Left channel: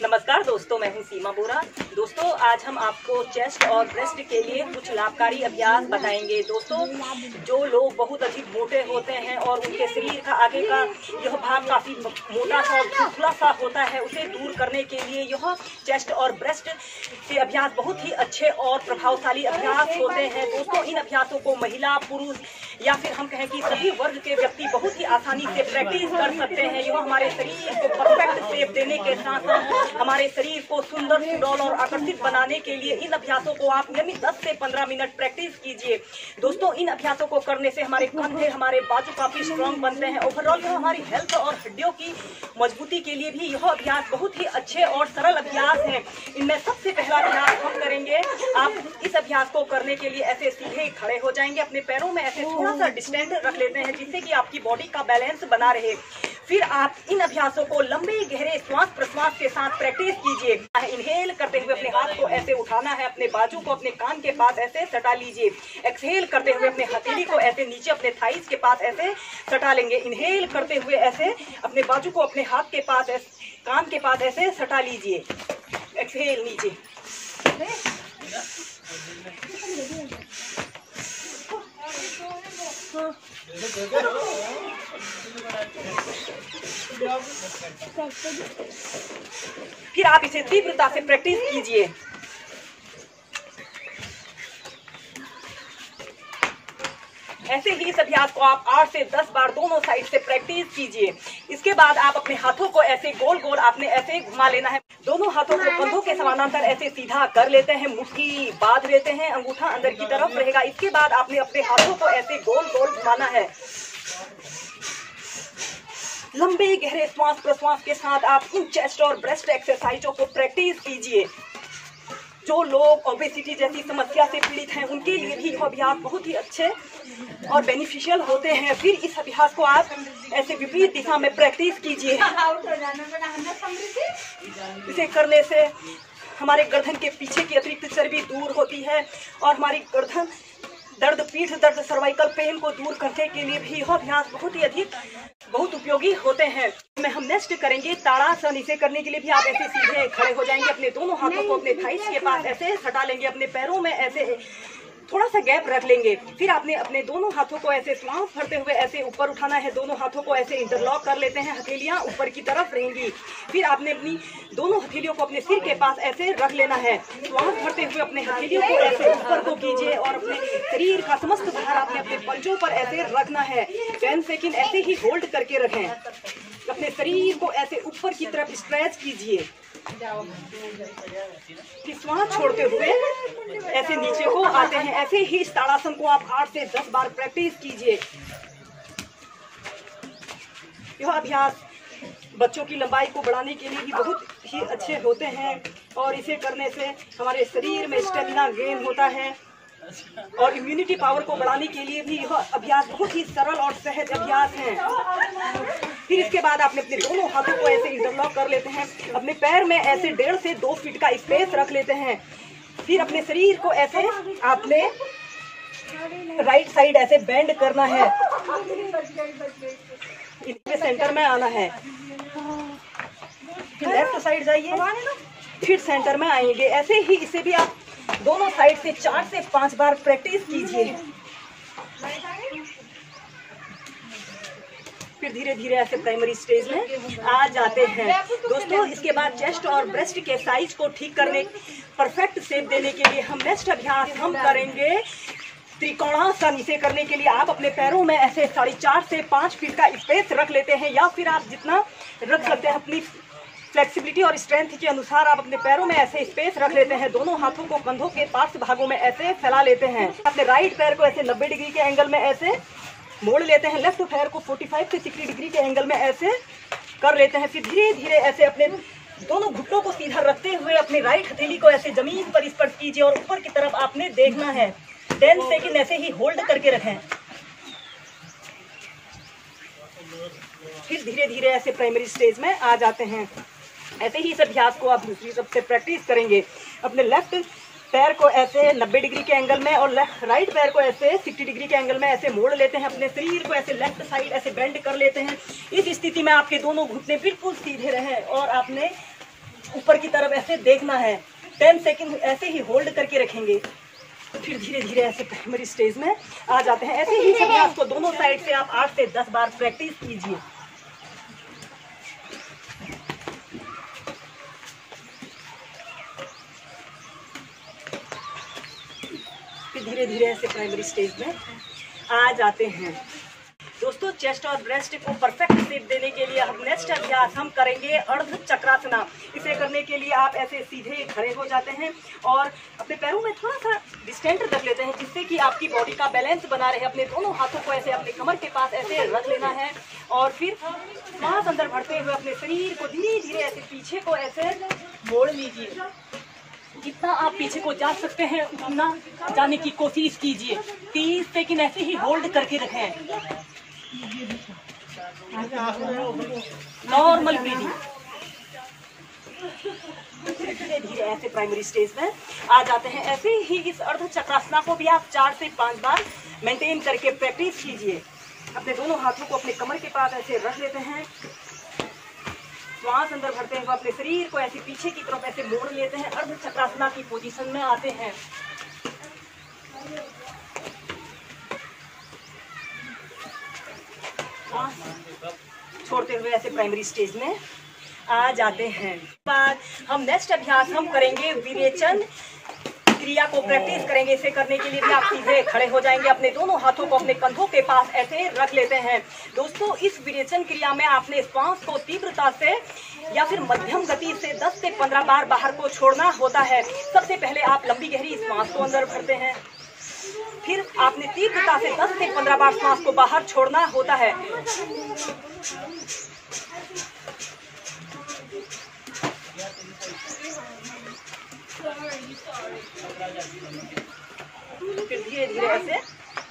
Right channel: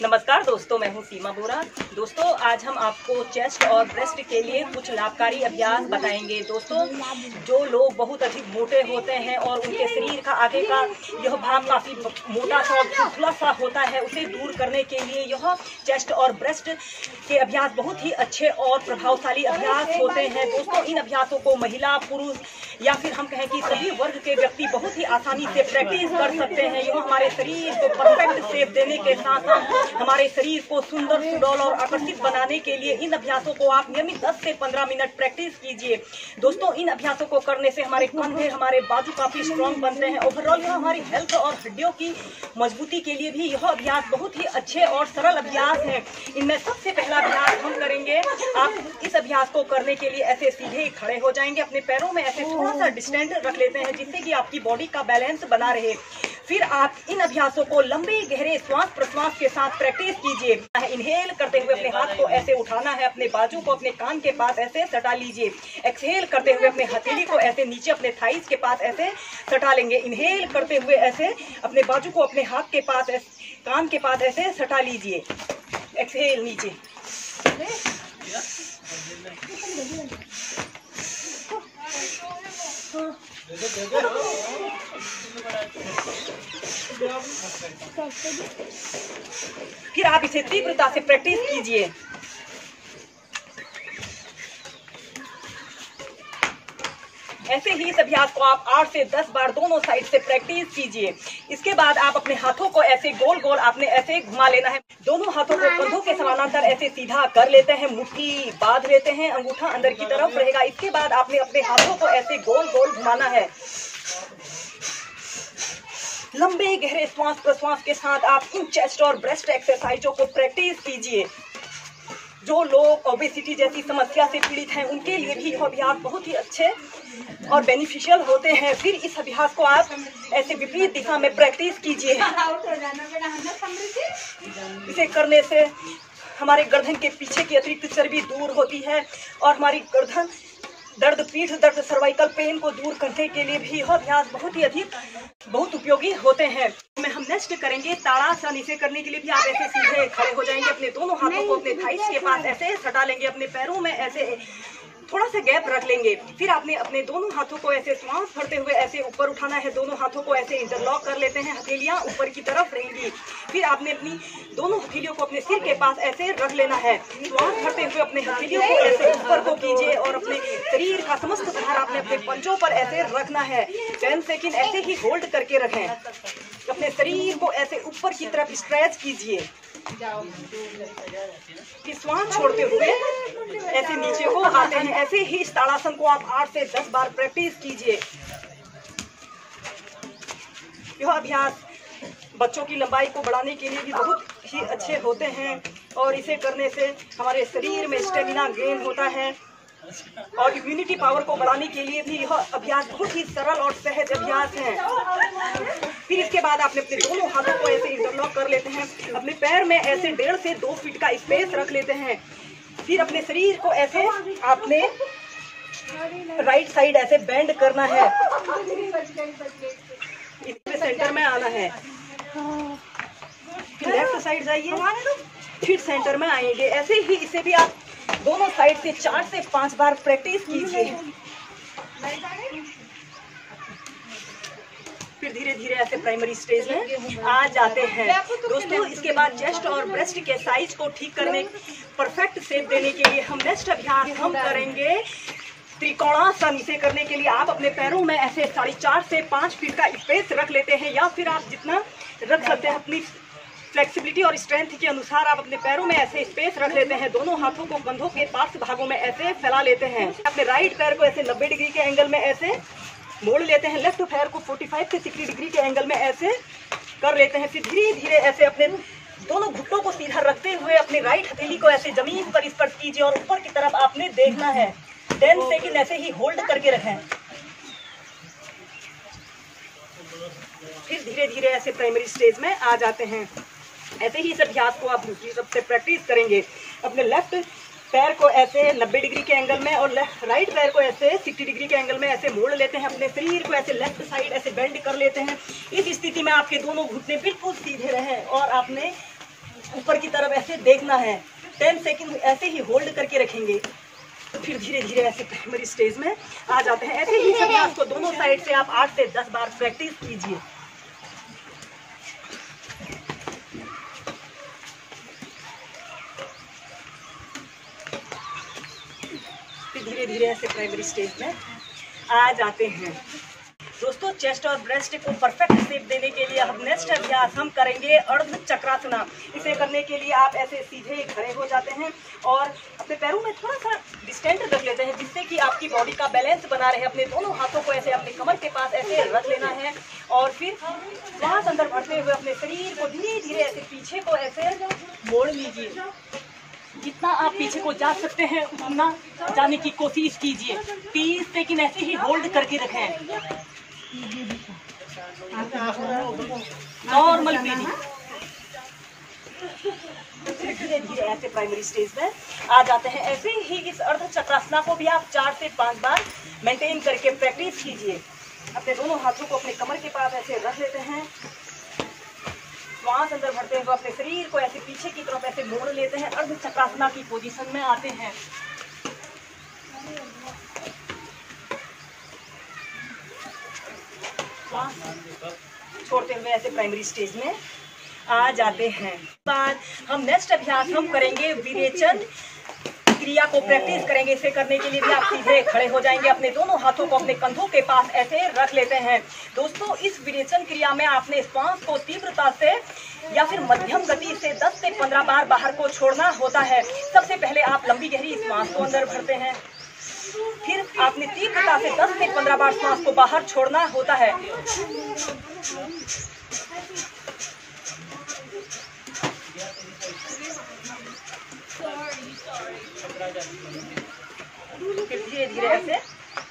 नमस्कार दोस्तों, मैं हूं सीमा बोरा। दोस्तों, आज हम आपको चेस्ट और ब्रेस्ट के लिए कुछ लाभकारी अभ्यास बताएंगे। दोस्तों, जो लोग बहुत अधिक मोटे होते हैं और उनके शरीर का आगे का यह भाग काफ़ी मोटा सा और खुला सा होता है, उसे दूर करने के लिए यह चेस्ट और ब्रेस्ट के अभ्यास बहुत ही अच्छे और प्रभावशाली अभ्यास होते हैं। दोस्तों, इन अभ्यासों को महिला, पुरुष या फिर हम कहें कि सभी वर्ग के व्यक्ति बहुत ही आसानी से प्रैक्टिस कर सकते हैं। यह हमारे शरीर को परफेक्ट शेप देने के साथ साथ हमारे शरीर को सुंदर, सुडौल और आकर्षित बनाने के लिए इन अभ्यासों को आप नियमित 10 से 15 मिनट प्रैक्टिस कीजिए। दोस्तों, इन अभ्यासों को करने से हमारे कंधे, हमारे बाजू काफी स्ट्रांग बनते हैं। ओवरऑल यह हमारी हेल्थ और हड्डियों की मजबूती के लिए भी यह अभ्यास बहुत ही अच्छे और सरल अभ्यास है। इनमें सबसे पहला अभ्यास हम करेंगे। आप इस अभ्यास को करने के लिए ऐसे सीधे खड़े हो जाएंगे, अपने पैरों में ऐसे थोड़ा सा डिस्टेंस रख लेते हैं जिससे कि आपकी बॉडी का बैलेंस बना रहे। फिर आप इन अभ्यासों को लंबे गहरे श्वास प्रश्वास के साथ प्रैक्टिस कीजिए। इनहेल करते हुए अपने हाथ को ऐसे उठाना है, अपने बाजू को अपने कान के पास ऐसे सटा लीजिए। एक्सहेल करते हुए अपने हथेली को ऐसे नीचे अपने थाइस के पास ऐसे सटा लेंगे। इनहेल करते हुए ऐसे अपने बाजू को अपने हाथ के पास कान के पास ऐसे सटा लीजिए। एक्सहेल नीचे। फिर आप इसे तीव्रता से प्रैक्टिस कीजिए। ऐसे ही इस अभ्यास को आप 8 से 10 बार दोनों साइड से प्रैक्टिस कीजिए। इसके बाद आप अपने हाथों को ऐसे गोल गोल आपने ऐसे घुमा लेना है। दोनों हाथों को कंधों के समानांतर ऐसे सीधा कर लेते हैं, मुट्ठी बांध लेते हैं, अंगूठा अंदर की तरफ रहेगा। इसके बाद आपने अपने हाथों को ऐसे गोल गोल घुमाना है। लंबे गहरे श्वास प्रश्वास के साथ आप इन चेस्ट और ब्रेस्ट एक्सरसाइजों को प्रैक्टिस कीजिए। जो लोग ओबेसिटी जैसी समस्या से पीड़ित हैं, उनके लिए भी यह अभ्यास बहुत ही अच्छे और बेनिफिशियल होते हैं। फिर इस अभ्यास को आप ऐसे विपरीत दिशा में प्रैक्टिस कीजिए। इसे करने से हमारे गर्दन के पीछे की अतिरिक्त चर्बी दूर होती है और हमारी गर्दन दर्द, पीठ दर्द, सर्वाइकल पेन को दूर करने के लिए भी यह अभ्यास बहुत उपयोगी होते हैं। में हम नेक्स्ट करेंगे ताड़ासन। इसे करने के लिए भी आप ऐसे सीधे खड़े हो जाएंगे, अपने दोनों हाथों को अपने थाइस के पास ऐसे सटा लेंगे, अपने पैरों में ऐसे थोड़ा सा गैप रख लेंगे। फिर आपने अपने दोनों हाथों को ऐसे श्वास भरते हुए ऐसे ऊपर उठाना है। दोनों हाथों को ऐसे इंटरलॉक कर लेते हैं, हथेलियां ऊपर की तरफ रहेंगी। फिर आपने अपनी दोनों हथेलियों को अपने सिर के पास ऐसे रख लेना है। श्वास भरते हुए अपने हथेलियों को ऐसे ऊपर को कीजिए और अपने शरीर का समस्त भार आपने अपने पंजों पर ऐसे रखना है। 10 सेकेंड ऐसे ही होल्ड करके रखें। अपने शरीर को ऐसे ऊपर की तरफ स्ट्रेच कीजिए। फिर श्वास छोड़ते हुए ऐसे नीचे को आते हैं। ऐसे ही इस ताड़ासन को आप 8 से 10 बार प्रैक्टिस कीजिए। यह अभ्यास बच्चों की लंबाई को बढ़ाने के लिए भी बहुत ही अच्छे होते हैं और इसे करने से हमारे शरीर में स्टेमिना गेन होता है और इम्यूनिटी पावर को बढ़ाने के लिए भी यह अभ्यास बहुत ही सरल और सहज अभ्यास है। फिर इसके बाद आपने अपने दोनों हाथों को ऐसे इंटरलॉक कर लेते हैं, अपने पैर में ऐसे 1.5 से 2 फीट का स्पेस रख लेते हैं। फिर अपने शरीर को ऐसे आपने राइट साइड ऐसे बेंड करना है, इसमें सेंटर में आना है। फिर लेफ्ट साइड जाइए, फिर सेंटर में आएंगे। ऐसे ही इसे भी आप दोनों साइड से 4 से 5 बार प्रैक्टिस कीजिए। फिर धीरे धीरे ऐसे प्राइमरी स्टेज में आ जाते हैं। दोस्तों, इसके बाद चेस्ट और ब्रेस्ट के साइज को ठीक करने, परफेक्ट शेप देने के लिए हम नेक्स्ट अभ्यास हम करेंगे त्रिकोणासन। इसे करने के लिए आप अपने पैरों में ऐसे 4.5 से 5 फीट का स्पेस रख लेते हैं या फिर आप जितना रख सकते हैं अपनी फ्लेक्सिबिलिटी और स्ट्रेंथ के अनुसार आप अपने पैरों में ऐसे स्पेस रख लेते हैं। दोनों हाथों को कंधों के पार्श्व भागों में ऐसे फैला लेते हैं। अपने राइट पैर को ऐसे 90 डिग्री के एंगल में ऐसे मोड़ लेते हैं। लेफ्ट पैर को 45 से 60 डिग्री के एंगल में ऐसे कर लेते हैं। फिर धीरे धीरे ऐसे अपने दोनों घुटनों को सीधा रखते हुए अपनी राइट हथेली को ऐसे जमीन पर स्पर्श कीजिए और ऊपर की तरफ आपने देखना है। 10 सेकेंड ऐसे ही होल्ड करके रखें। फिर धीरे धीरे ऐसे प्राइमरी स्टेज में आ जाते हैं। ऐसे ही इस अभ्यास को आप दूसरी तरफ से प्रैक्टिस करेंगे। अपने लेफ्ट पैर को ऐसे 90 डिग्री के एंगल में और राइट पैर को ऐसे 60 डिग्री के एंगल में ऐसे मोड़ लेते हैं। अपने शरीर को ऐसे लेफ्ट साइड ऐसे बेंड कर लेते हैं। इस स्थिति में आपके दोनों घुटने बिल्कुल सीधे रहें और आपने ऊपर की तरफ ऐसे देखना है। 10 सेकंड ऐसे ही होल्ड करके रखेंगे, फिर धीरे धीरे ऐसे प्राइमरी स्टेज में आ जाते हैं। ऐसे ही सब आपको दोनों साइड से आप 8 से 10 बार प्रैक्टिस कीजिए। फिर धीरे धीरे ऐसे प्राइमरी स्टेज में आ जाते हैं। दोस्तों, चेस्ट और ब्रेस्ट को परफेक्ट शेप देने के लिए हम नेक्स्ट अभ्यास हम करेंगे अर्ध चक्रासना। इसे करने के लिए आप ऐसे सीधे खड़े हो जाते हैं और अपने पैरों में थोड़ा सा डिस्टेंस रख लेते हैं, जिससे कि आपकी बॉडी का बैलेंस बना रहे। अपने दोनों हाथों को ऐसे अपने कमर के पास ऐसे रख लेना है और फिर श्वास अंदर भरते हुए अपने शरीर को धीरे धीरे ऐसे पीछे को ऐसे मोड़ लीजिए। जितना आप पीछे को जा सकते हैं उतना जाने की कोशिश कीजिए। 30 सेकंड ऐसे ही होल्ड करके रखें। नॉर्मल कीजिए। धीरे धीरे ऐसे प्राइमरी स्टेज में आ जाते हैं। ऐसे ही इस अर्ध चक्रासना को भी आप 4 से 5 बार मेंटेन करके प्रैक्टिस कीजिए। अपने दोनों हाथों को अपने कमर के पास ऐसे रख लेते हैं। श्वास अंदर भरते हुए अपने शरीर को ऐसे पीछे की तरफ ऐसे मोड़ लेते हैं। अर्ध चक्रासना की पोजीशन में आते हैं। छोड़ते हुए ऐसे प्राइमरी स्टेज में आ जाते हैं। बाद हम नेक्स्ट अभ्यास हम करेंगे विरेचन क्रिया को प्रैक्टिस करेंगे। इसे करने के लिए भी आप सीधे खड़े हो जाएंगे। अपने दोनों हाथों को अपने कंधों के पास ऐसे रख लेते हैं। दोस्तों, इस विरेचन क्रिया में आपने श्वास को तीव्रता से या फिर मध्यम गति से 10 से 15 बार बाहर को छोड़ना होता है। सबसे पहले आप लंबी गहरी श्वास को अंदर भरते हैं, फिर आपने तीव्रता से 10 से 15 बार श्वास को बाहर छोड़ना होता है। फिर धीरे धीरे ऐसे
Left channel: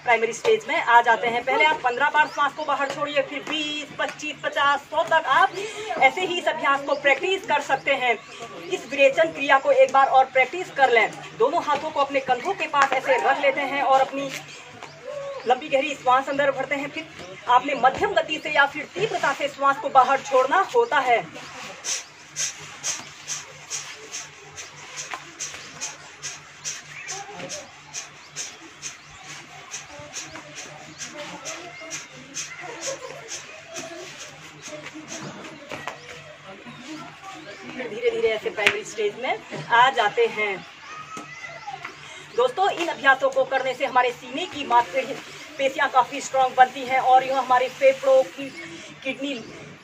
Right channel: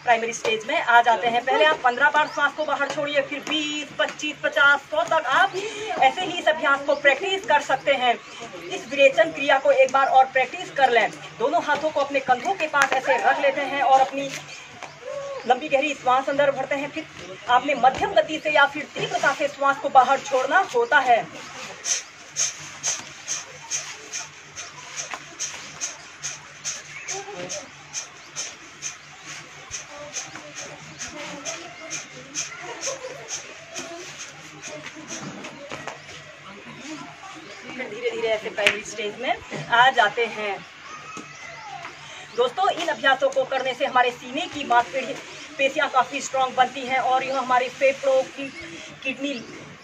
प्राइमरी स्टेज में आ जाते हैं। पहले आप 15 बार श्वास को बाहर छोड़िए, फिर 20, 25, 50, 100 तक आप ऐसे ही इस अभ्यास को प्रैक्टिस कर सकते हैं। इस विरेचन क्रिया को एक बार और प्रैक्टिस कर लें। दोनों हाथों को अपने कंधों के पास ऐसे रख लेते हैं और अपनी लंबी गहरी श्वास अंदर भरते हैं। फिर आपने मध्यम गति से या फिर तीव्रता से श्वास को बाहर छोड़ना होता है। फिर धीरे धीरे ऐसे प्राइमरी स्टेज में आ जाते हैं। दोस्तों, इन अभ्यासों को करने से हमारे सीने की मांसपेशियां काफ़ी स्ट्रांग बनती हैं और यह हमारे फेफड़ों की किडनी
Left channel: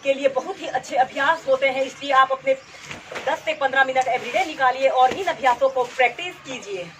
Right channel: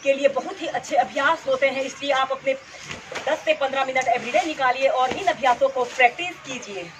के लिए बहुत ही अच्छे अभ्यास होते हैं। इसलिए आप अपने 10 से 15 मिनट एवरीडे निकालिए और इन अभ्यासों को प्रैक्टिस कीजिए।